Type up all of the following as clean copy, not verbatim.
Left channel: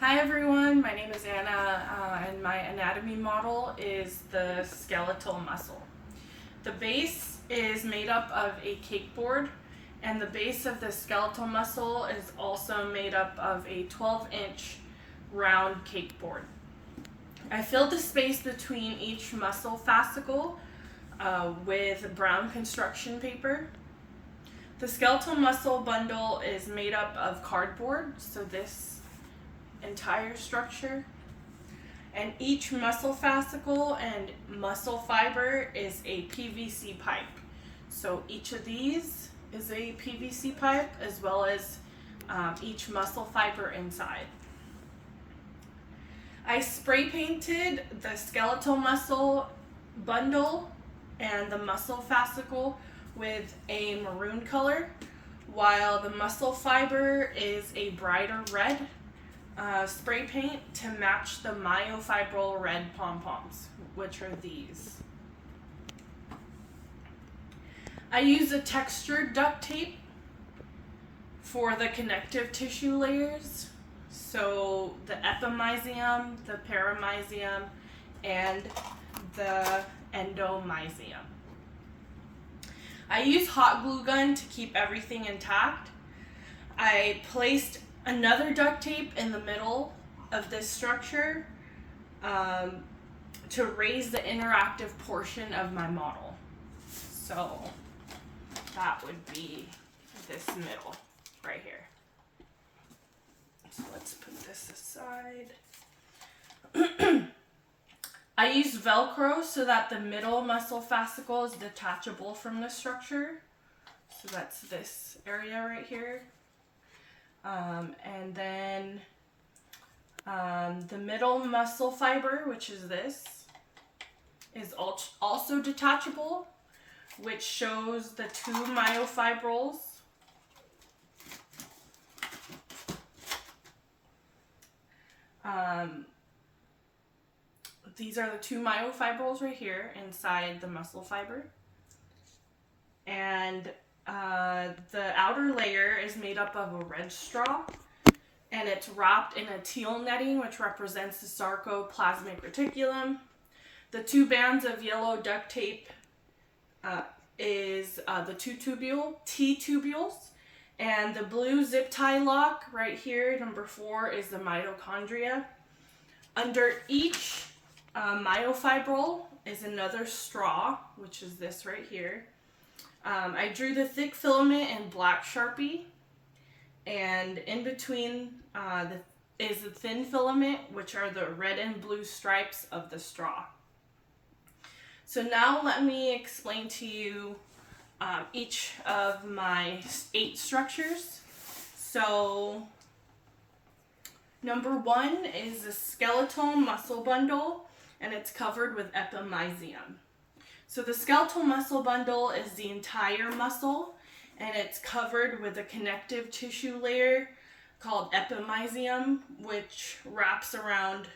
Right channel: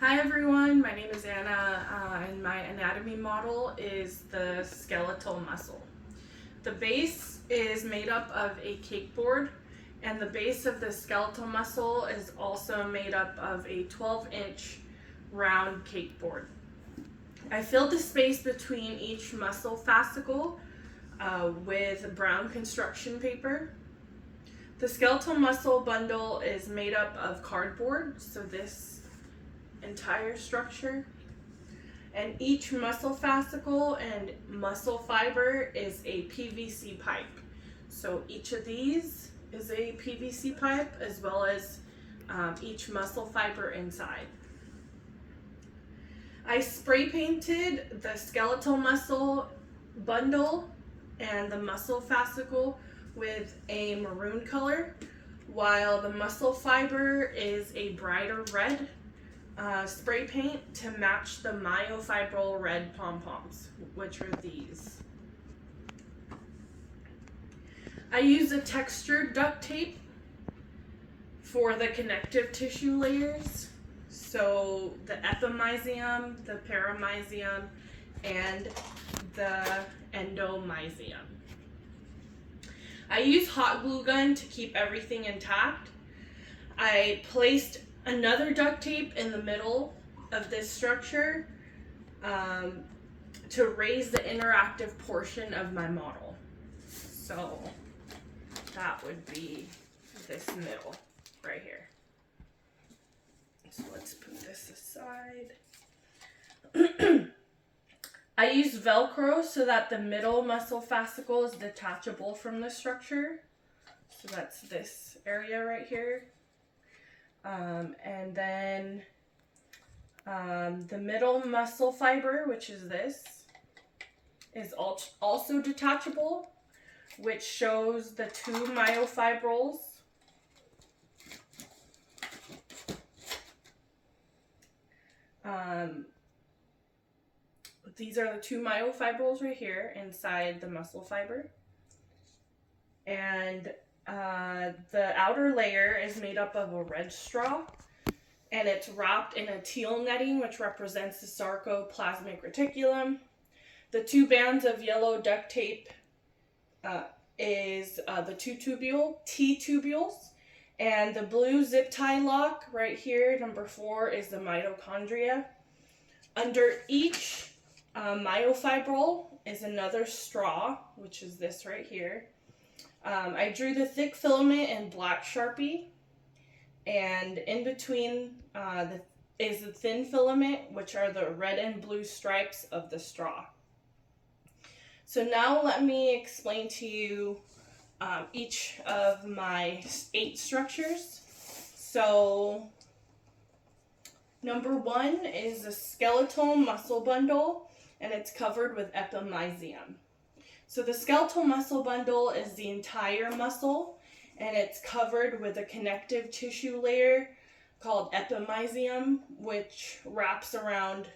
Hi everyone, my name is Anna, and my anatomy model is the skeletal muscle. The base is made up of a cake board, and the base of the skeletal muscle is also made up of a 12-inch round cake board. I filled the space between each muscle fascicle with brown construction paper. The skeletal muscle bundle is made up of cardboard, so this entire structure, and each muscle fascicle and muscle fiber is a PVC pipe. So each of these is a PVC pipe, as well as each muscle fiber inside. I spray painted the skeletal muscle bundle and the muscle fascicle with a maroon color, while the muscle fiber is a brighter red spray paint to match the myofibril red pom-poms, which are these. I use a textured duct tape for the connective tissue layers, so the epimysium, the paramysium, and the endomysium. I use hot glue gun to keep everything intact. I placed another duct tape in the middle of this structure to raise the interactive portion of my model. So that would be this middle right here. So let's put this aside. I use Velcro so that the middle muscle fascicle is detachable from the structure. So that's this area right here. And then the middle muscle fiber, which is this, is also detachable, which shows the two myofibrils. These are the two myofibrils right here inside the muscle fiber. And the outer layer is made up of a red straw, and it's wrapped in a teal netting, which represents the sarcoplasmic reticulum. The two bands of yellow duct tape is the two T-tubules, and the blue zip tie lock right here, number 4, is the mitochondria. Under each myofibril is another straw, which is this right here. I drew the thick filament in black Sharpie, and in between is the thin filament, which are the red and blue stripes of the straw. So now let me explain to you each of my 8 structures. So number 1 is the skeletal muscle bundle, and it's covered with epimysium. So the skeletal muscle bundle is the entire muscle, and it's covered with a connective tissue layer called epimysium, which wraps around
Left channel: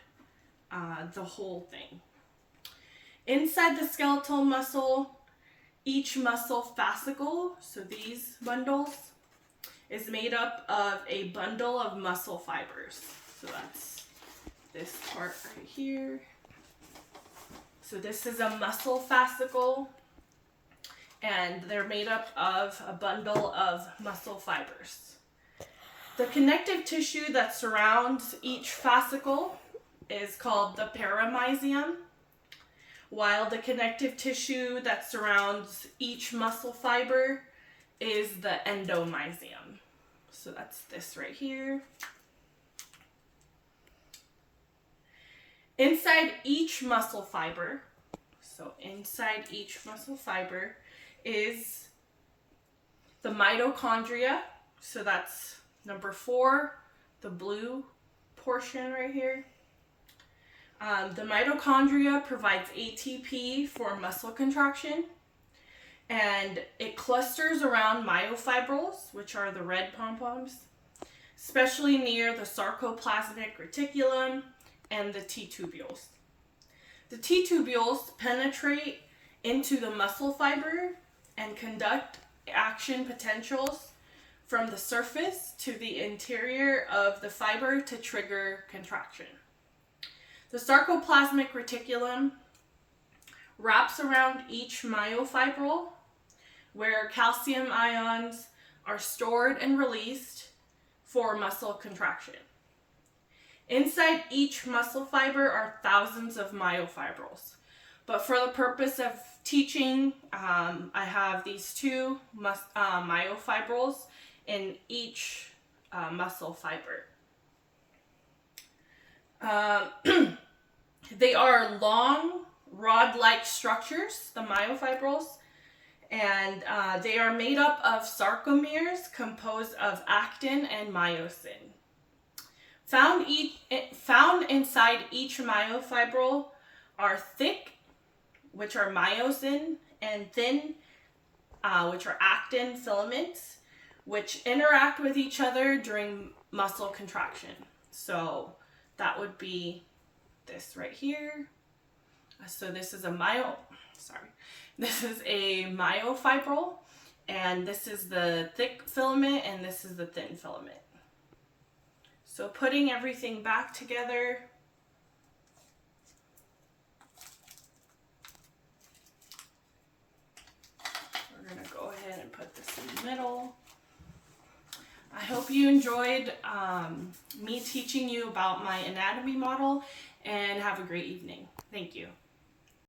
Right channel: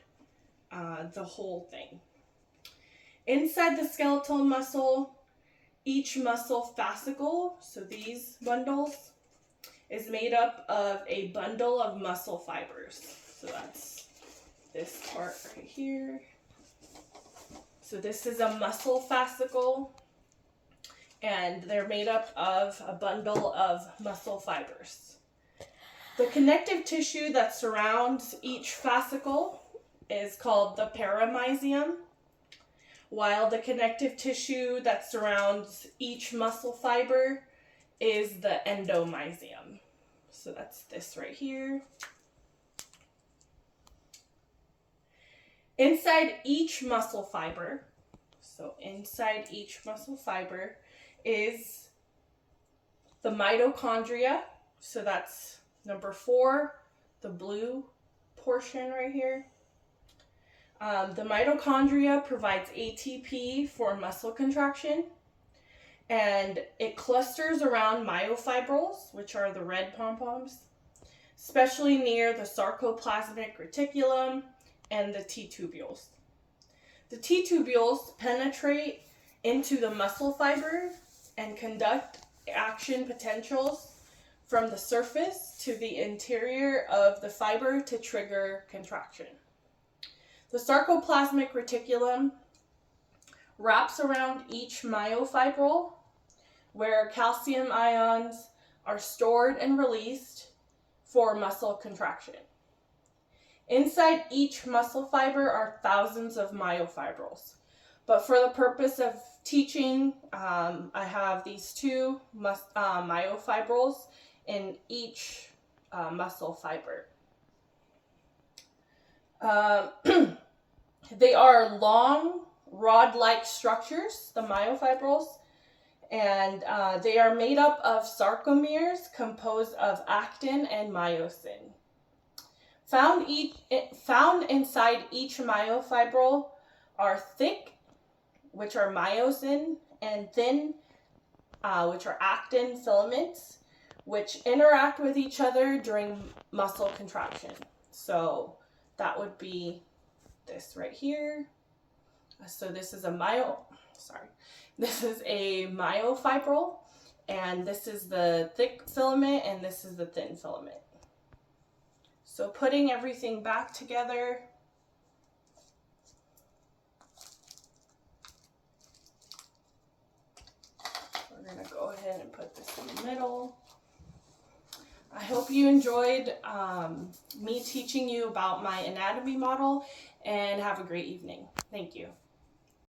the whole thing. Inside the skeletal muscle, each muscle fascicle, so these bundles, is made up of a bundle of muscle fibers. So that's this part right here. So this is a muscle fascicle, and they're made up of a bundle of muscle fibers. The connective tissue that surrounds each fascicle is called the paramysium, while the connective tissue that surrounds each muscle fiber is the endomysium. So that's this right here. Inside each muscle fiber, is the mitochondria. So that's number 4, the blue portion right here. The mitochondria provides ATP for muscle contraction, and it clusters around myofibrils, which are the red pom-poms, especially near the sarcoplasmic reticulum and the T-tubules. The T-tubules penetrate into the muscle fiber and conduct action potentials from the surface to the interior of the fiber to trigger contraction. The sarcoplasmic reticulum wraps around each myofibril, where calcium ions are stored and released for muscle contraction. Inside each muscle fiber are thousands of myofibrils. But for the purpose of teaching, I have these two myofibrils in each muscle fiber. They are long, rod-like structures, the myofibrils, and they are made up of sarcomeres composed of actin and myosin. Found inside each myofibril are thick, which are myosin, and thin, which are actin filaments, which interact with each other during muscle contraction. So that would be this right here. So this is a myofibril, and this is the thick filament, and this is the thin filament. So putting everything back together, we're going to go ahead and put this in the middle. I hope you enjoyed me teaching you about my anatomy model, and have a great evening. Thank you.